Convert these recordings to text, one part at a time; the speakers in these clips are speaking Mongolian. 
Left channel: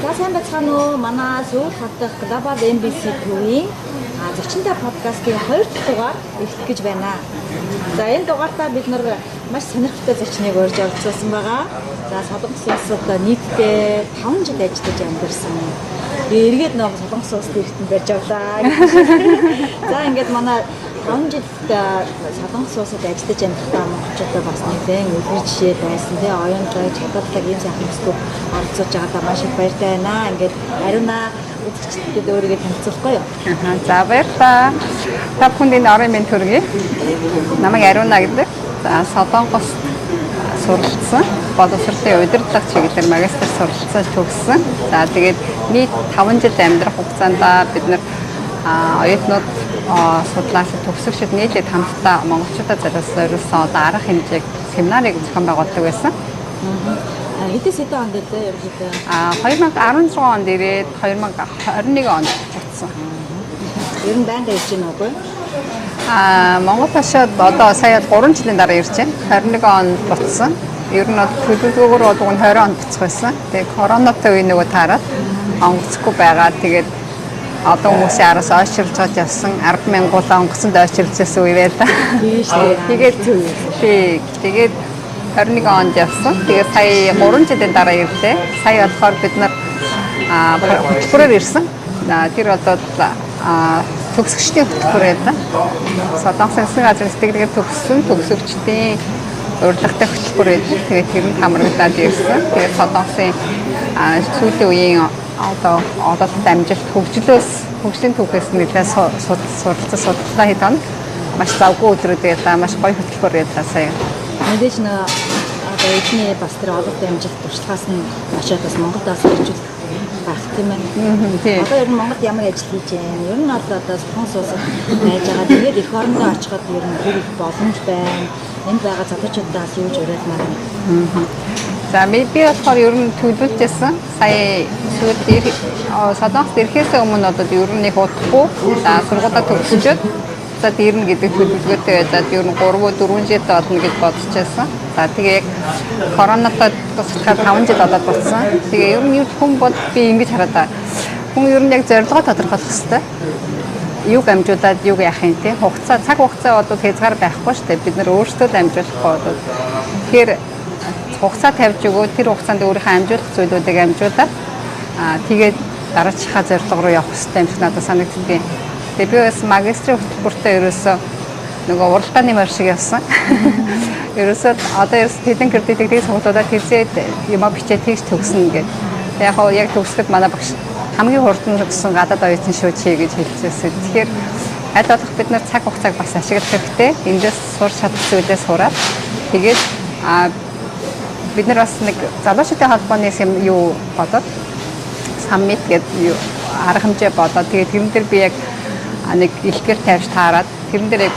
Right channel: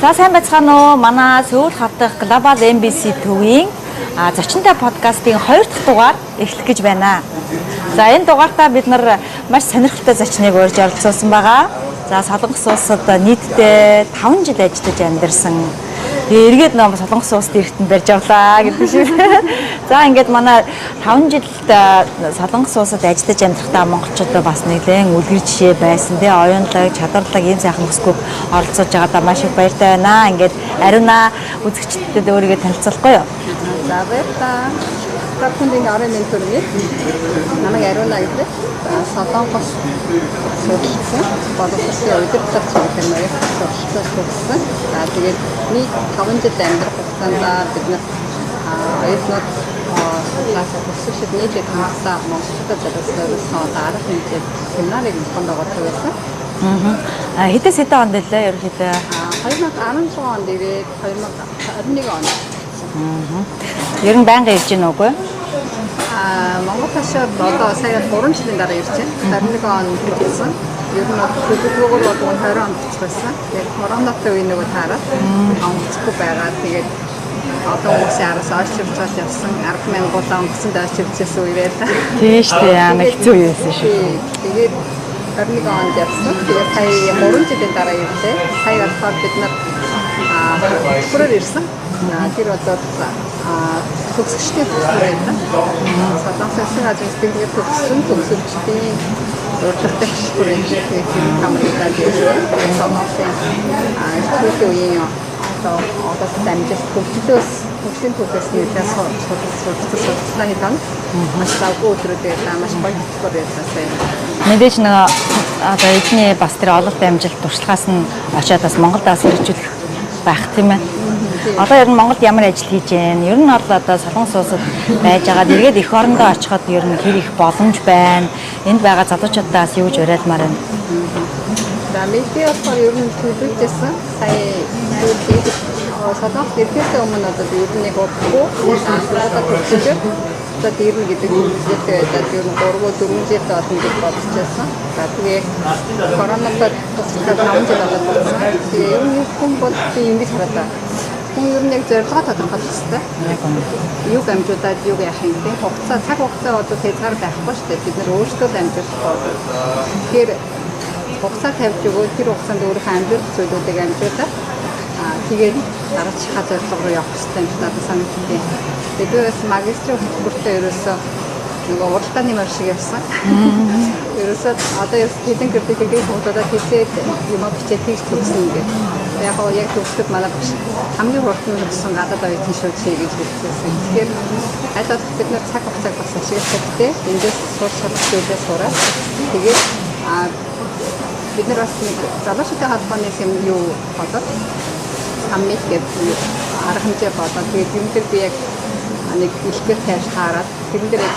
За сайн байцгаана уу? Манай Сөүл хавдах Global MBC төвийн зочинтой подкастын 2 дахь дугаар эхлэх гэж байна. За энэ дугаартаа бид нар маш сонирхолтой зочныг урьж оролцуулсан байгаа. За Солонгос улсад нийтдээ 5 жил ажиллаж амьдарсан. Эргээд ном Солонгос улсад ирэхтэн барьж авлаа гэдэг шиг. За ингээд манай 5 жилд Солонгос улсад ажиллаж амьдрахтаа монголчуудаа бас нэгэн үлгэр жишээ байсан. Тэгээ оюунлаг, чадварлаг ийм сайхан бүсгүй оролцож байгаадаа маш их баяртай байна. Ингээд ариуна үзэгчдэд өөрийгөө танилцуулахгүй юу? За баярлалаа. Та бүхэнд орон минь төргий. Намайг ариуна гэдэг. За Солонгос суралцсан. Боловсролын удирдлага чиглэлээр магистр суралцсан төгссөн. За тэгээд нийт 5 жил амьдрах хугацаанд бид нар оюутнууд судлаач төгсөгчд нийлээд хамтдаа монголчуудад зориулсан одоо арга хэмжээг семинарыг зохион байгуулдаг байсан. Хэдэн онд байлаа ерөнхийдөө? 2016 онд ирээд 2021 онд суралцсан. Ер нь байнга ирж гин үгүй? Монгол хашаад одоо сая 3 жилийн дараа ирж байна. 21 онд буцсан. Ер нь төлөвлөгөөр бол 20 онд буцах байсан. Тэгээд коронавитой үе нөгөө таараад онгоцгүй байгаа. Тэгээд одоо хүмүүсийн араас ойширч гад явсан 10,000 онгоцонд ойширчсэн үе байлаа. Тийм шүү дээ. Тэгээд зүй байсан шүү. Тэгээд 21 онд явсан. Тэгээд сая 3 жилийн дараа ирлээ. Сая болохоор бид нар хөтөлбөрөөр ирсэн. Тэр одоо төгсөгчдийн хөтөлбөр байлаа. Солонгосын засгийн газрын сэтгэлгээр төгссөн төгсөгчдийн урдлагатай хөтөлбөр байж тэгээд тэр хамрагдаад ирсэн. Тэгээд Солонгосын сүүлийн үеийн одоо дамжуулт хөгжлийн түүхээс нэлээд суралцсан хэд он маш завгүй өдрүүд байлаа, маш гоё хөтөлбөр байлаа сая. Мэдээж нэг одоо эдний бас тэр ололт амжилт туршлагаас нь очиад бас Монголд бас хэрэгжүүлэх байх тийм ээ. Одоо ер нь Монголд ямар ажил хийж байна? Ер нь бол одоо Солонгос улсад байж байгаа. Эргээд эх орондоо очиход ер нь хэр их боломж байна. Энд байгаа залуучуудаас юу гэж уриалмаар байна? За би болохоор ер нь төлөвлөжсэн. Сая сүүлд Солонгост ирэхээс өмнө одоо ер нь нэг удахгүй сургуулаа төгсчөөд за дэрнэ гэдэг төлөвлөгөөтэй байдаг. Ер нь 3-4 жил болно гэж бодож байсан. За тэгээ коронавитой тусахад 5 жил болоод болсон. Тэгээ ер нь хүн бол би ингэж хараад хүн ер нь яг зорилгоо тодорхойлох хэрэгтэй. Юг амжуулаад юг яах юм те цаг хугацаа одоо хязгаар байхгүй шүү дээ. Бид нар өөрсдөө амжуулах бол тэгэхээр хугацаа тавьж өгөө тэр хугацаанд өөрийнхөө амжуулах зүйлүүдийг амжуулаад тэгээд дараачихаа зорилго руу явах хэрэгтэй юм шиг надад санагддаг. Тэгээд би бас магистрийн хөтөлбөртөө ерөөсөө нөгөө уралдааны мөр шиг явсан. Ерөөсөө одоо хэдэн кредитийг сургуулиудад хийсээд юм бичээд тийш төгснө гэдэг. Яг төгсдөг манай багш хамгийн хурд нь төгссөн гадаад оюутан шүү чи гэж хэлчихсэн. Тэгэхээр аль болох бид нар цаг хугацааг бас ашиглах хэрэгтэй. Эндээс сурч чадах зүйлээ сураад тэгээд бид нар бас нэг залуучуудын холбооны юу бодоод саммит гэдэг арга хэмжээ бодоод тэгээд юм дээр би яг нэг илтгэр тавьж таараад тэрэн дээр яг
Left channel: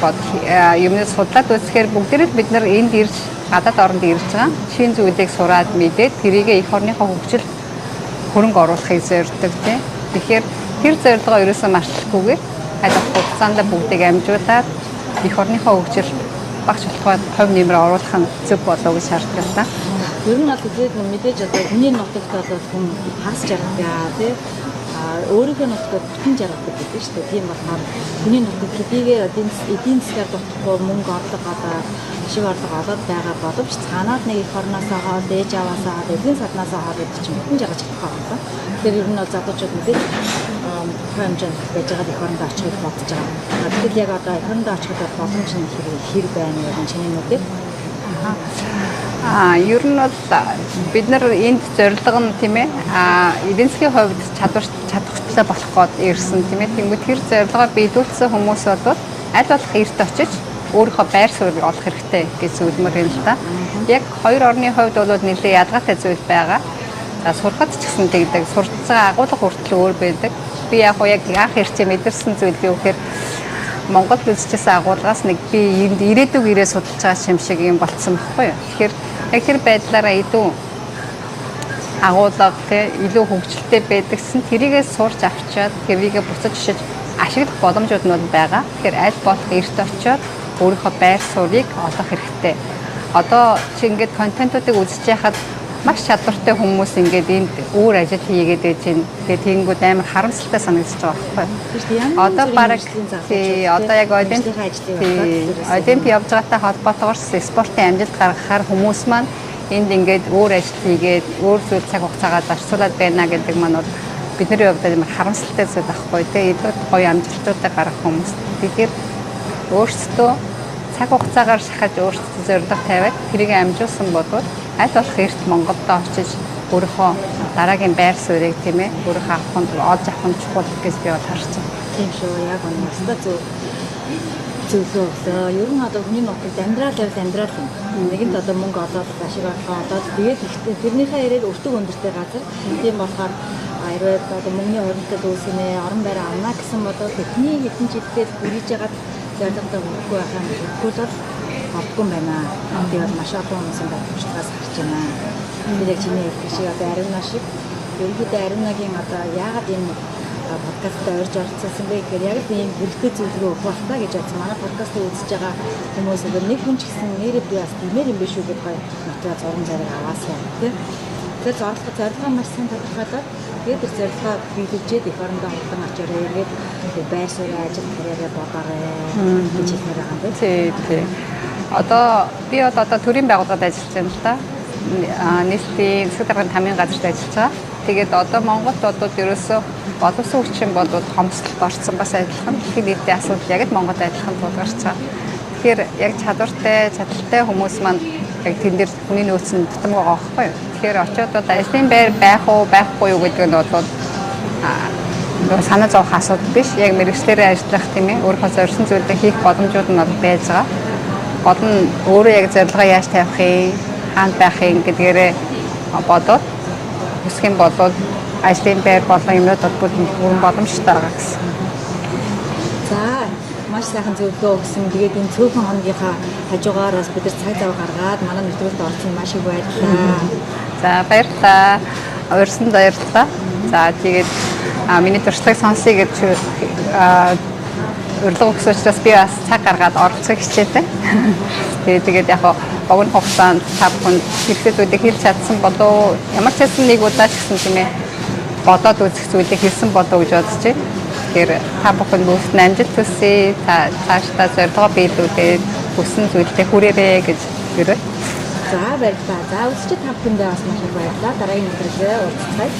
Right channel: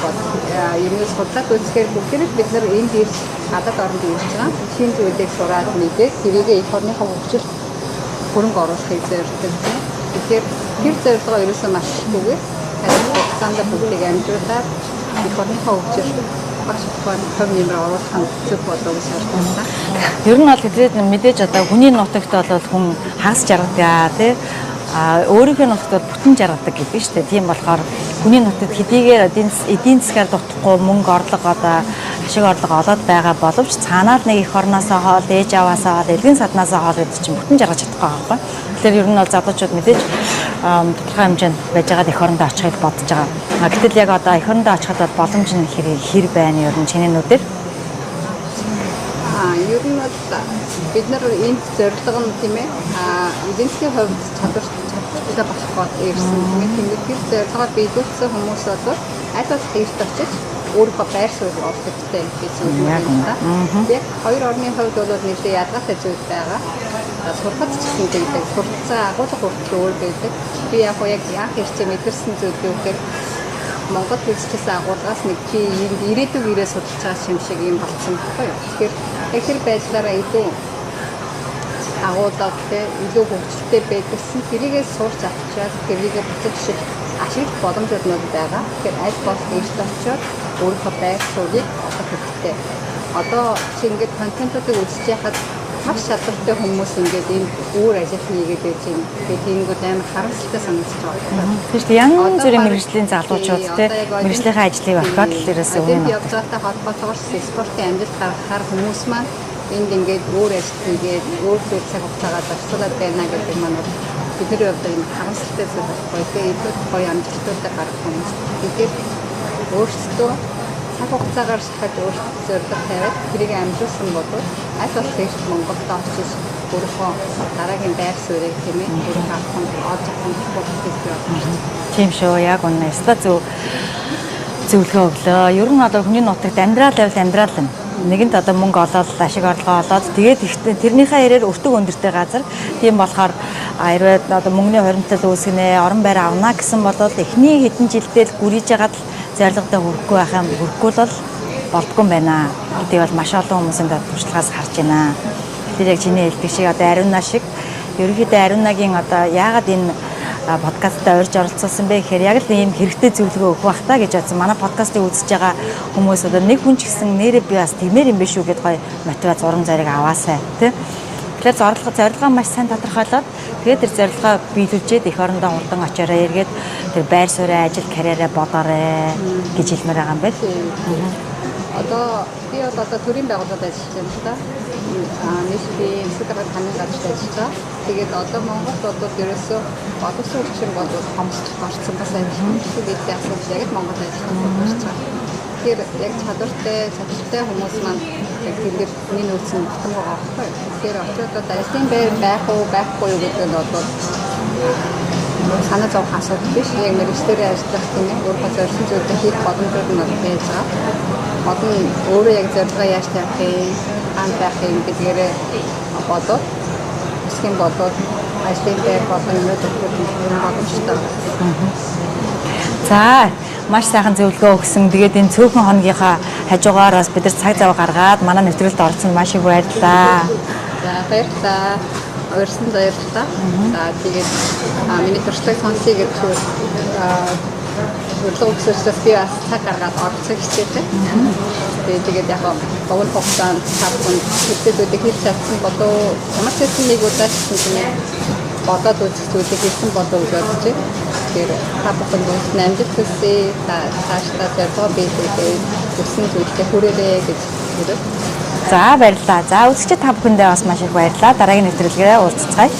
юмнаас судлаад үзэхээр бүгдээрээ бид нар энд ирж гадаад оронд ирж байгаа шинэ зүйлийг сураад мэдээд тэрийг эх орныхоо хөгжил хөрөнгө оруулахыг зорддог тийм. Тэгэхээр тэр зорилгоо ерөөсөө марцлахгүйгээр аль хугацаанд бүгдийг амжуулаад эх орныхоо хөгжил багш болоход хувь нэмэр оруулах нь зөв болов гэж шаарддаг юм да. Ер нь бол хэдийд мэдээж одоо хүний нутагт бол хүн хагас жаргадаг тий. Өөрийнхөө нутагт бүтэн жаргадаг гэдэг нь шүү дээ. Тийм болохоор хүний нутагт хэдийгээр эдийн засгаар дутхгүй мөнгө орлого одоо ашиг орлого олоод байгаа боловч цаанаад нэг эх орноосоо хоол, ээж аваасаа хоол, элгийн саднаасаа хоол гэдэг чинь бүтэн жаргаж чадахгүй байгаа байхгүй. Тэгэхээр ер нь бол залуучууд мэдээж тодорхой хэмжээнд байж байгаа эх орондоо очихыг бодож байгаа. Гэтэл яг одоо эх орондоо очиход бол боломж нь хэр байна ер нь чиний нүдээр? Ер нь бол бид нар энд зорилго нь тийм ээ эдийн засгийн хувьд чадвартай болох гээд ирсэн тийм ээ. Тэгмэд тэр зорилгоо биелүүлсэн хүмүүс бол аль болох эрт очиж өөрийнхөө байр суурийг олох хэрэгтэй гэж зөвлөмөр юм та. Яг хоёр орны хувьд бол нэлээд ядгатай зүйл байгаа. Сургад ч гэсэн тэгдэг. Сурцсан агуулга хүртэл өөр байдаг. Би яг анх ирчээ мэдэрсэн зүйл юу гэхээр Монгол үзчихсэн агуулгаас нэг би энд ирээдүг ирээ судалж байгаа юм шиг юм болцсон байхгүй юу. Тэгэхээр яг тэр байдлаараа илүү агуулга те илүү хөгжилтэй байдагсан. Тэрийгээ сурч авчаад тэрийгээ буцаж ишиж ашиглах боломжууд нь байгаа. Тэгэхээр аль болох эрт очиод өөрийнхөө байр суурийг олох хэрэгтэй. Одоо чи ингээд контентуудыг үзэж яхад маш чадвартай хүмүүс ингээд энд өөр ажил хийгээд байж байна. Тэгээд тэгэнгүүт амар харамсалтай санагдаж байгаа байхгүй. Тийм шүү дээ. Янз бүрийн мэргэжлийн залуучууд одоо яг мэргэжлийнхээ ажлыг орхиод л ерөөсөө Олимп явж байгаатай холбоотойгоор спортын амжилт гаргахаар хүмүүс маань энд ингээд өөр ажил хийгээд өөр зүйл цаг хугацаагаа зарцуулаад байна гэдэг маань бидний хувьд амар харамсалтай зүйл байхгүй. Тэгээд эдгээр гоё амжилтуудаа гаргах хүмүүс. Тэгэхээр өөрсдөө цаг хугацаагаар шахаж өөрсдөө зорилго тавиад тэрийг амжуулсан бол аль болох эрт Монголд очиж өөрийнхөө дараагийн байр суурийг тийм ээ өөрийнхөө авахын олж авах юм чухал гэж би бодож байна. тийм шүү. Яг үнэ. Өстой зөвлөгөө өглөө. Ер нь одоо хүний нутагт амьдрал байвал амьдрал юм. Нэгэнт одоо мөнгө олоод ашиг орлогоо олоод тэгээд ихтэй тэрнийхээ ярээр өртөг өндөртэй газар. Тийм болохоор хэрвээ одоо мөнгөний хоригдлол үүсгэнэ, орон байр авна гэсэн бол эхний хэдэн жилдээ л гүрийж ягаад зорилгодоо хүрэхгүй байх юм. Хүрэхгүй бол болдгүй юм байна. Гэтэл бол маш олон хүмүүсийн туршлагаас харж байна. Тэр яг чиний хэлдэг шиг одоо Ариуна шиг ерөнхийдөө Ариунагийн одоо яагаад энэ подкастаа орж оролцуулсан бэ гэхээр яг л ийм хэрэгтэй зөвлөгөө өгөх бах та гэж бодсон. Манай подкастыг үзэж байгаа хүмүүс одоо нэг хүн ч гэсэн нэрээ би бас тиймэр юм биш үү гэдээ гоё мотивац урам зориг аваасай тий. Тэгэхээр зорилгоо маш сайн тодорхойлоод тэгээд тэр зорилгоо биелүүлжээд эх орондоо хурдан очиорой эргээд тэр байр суурь ажил карьераа бодоорой гэж хэлмээр байгаа юм байна. Тий. Одоо би одоо төрийн байгууллагад ажиллаж байна л да. Нийслэлийн засаг дарганы хамгийн газарт ажиллаж байгаа. Тэгээд одоо Монголд одоо ерөөсөө олон улсын хүчин бол хомсдолд орсон бас адилхан их эдийн асуудал яг л Монголд адилхан тулгарч байгаа. Тэгэхээр яг чадвартай хүмүүс маань яг тэн дээр хүний нөөцөнд тутам байгаа байхгүй юу. Тэгэхээр очиод одоо ажлын байр байх уу байхгүй юу гэдэг нь бол санаа зовох асуудал биш. Яг мэргэжлэрээ ажиллах тийм ээ өөрийнхөө зорьсон зүйлээ хийх боломжууд нь байж байгаа. Гол нь өөрөө яг зорилгоо яаж тавих юм, хаана байх юм гэдгээрээ бодоод үсэх юм бол ажлын байр болон юмнууд бол бүр боломжтой байгаа гэсэн. За маш сайхан зөвлөгөө өгсөн. Тэгээд энэ цөөхөн хоногийнхаа хажуугаараас бид нар цаг зав гаргаад манай нэвтрүүлэлд орсон маш их баярлалаа. За баярлалаа. Урьсанд баярлалаа. За тэгээд миний туршлагыг сонсъё гэж урилга өгсөн учраас би бас цаг гаргаад оролцох хичээдэг. Тэгээд яг богино хугацаанд та бүхэнд хэвчээдүүдийг хэлж чадсан болов ямар ч хэсэн нэг удаа ч гэсэн тийм ээ бодоод үзэх зүйлийг хэлсэн болов гэж бодож байна. Тэгэхээр та бүхэн нүдэн амжилт хүсье. Цаашдаа зорилгоо биелүүлээд хүссэн зүйлдээ хүрээрэй гэж хэлээ. За баярлалаа. За үзэгчид та бүхэндээ бас маш их баярлалаа. Дараагийн нэвтрүүлгээр уулзцгаая.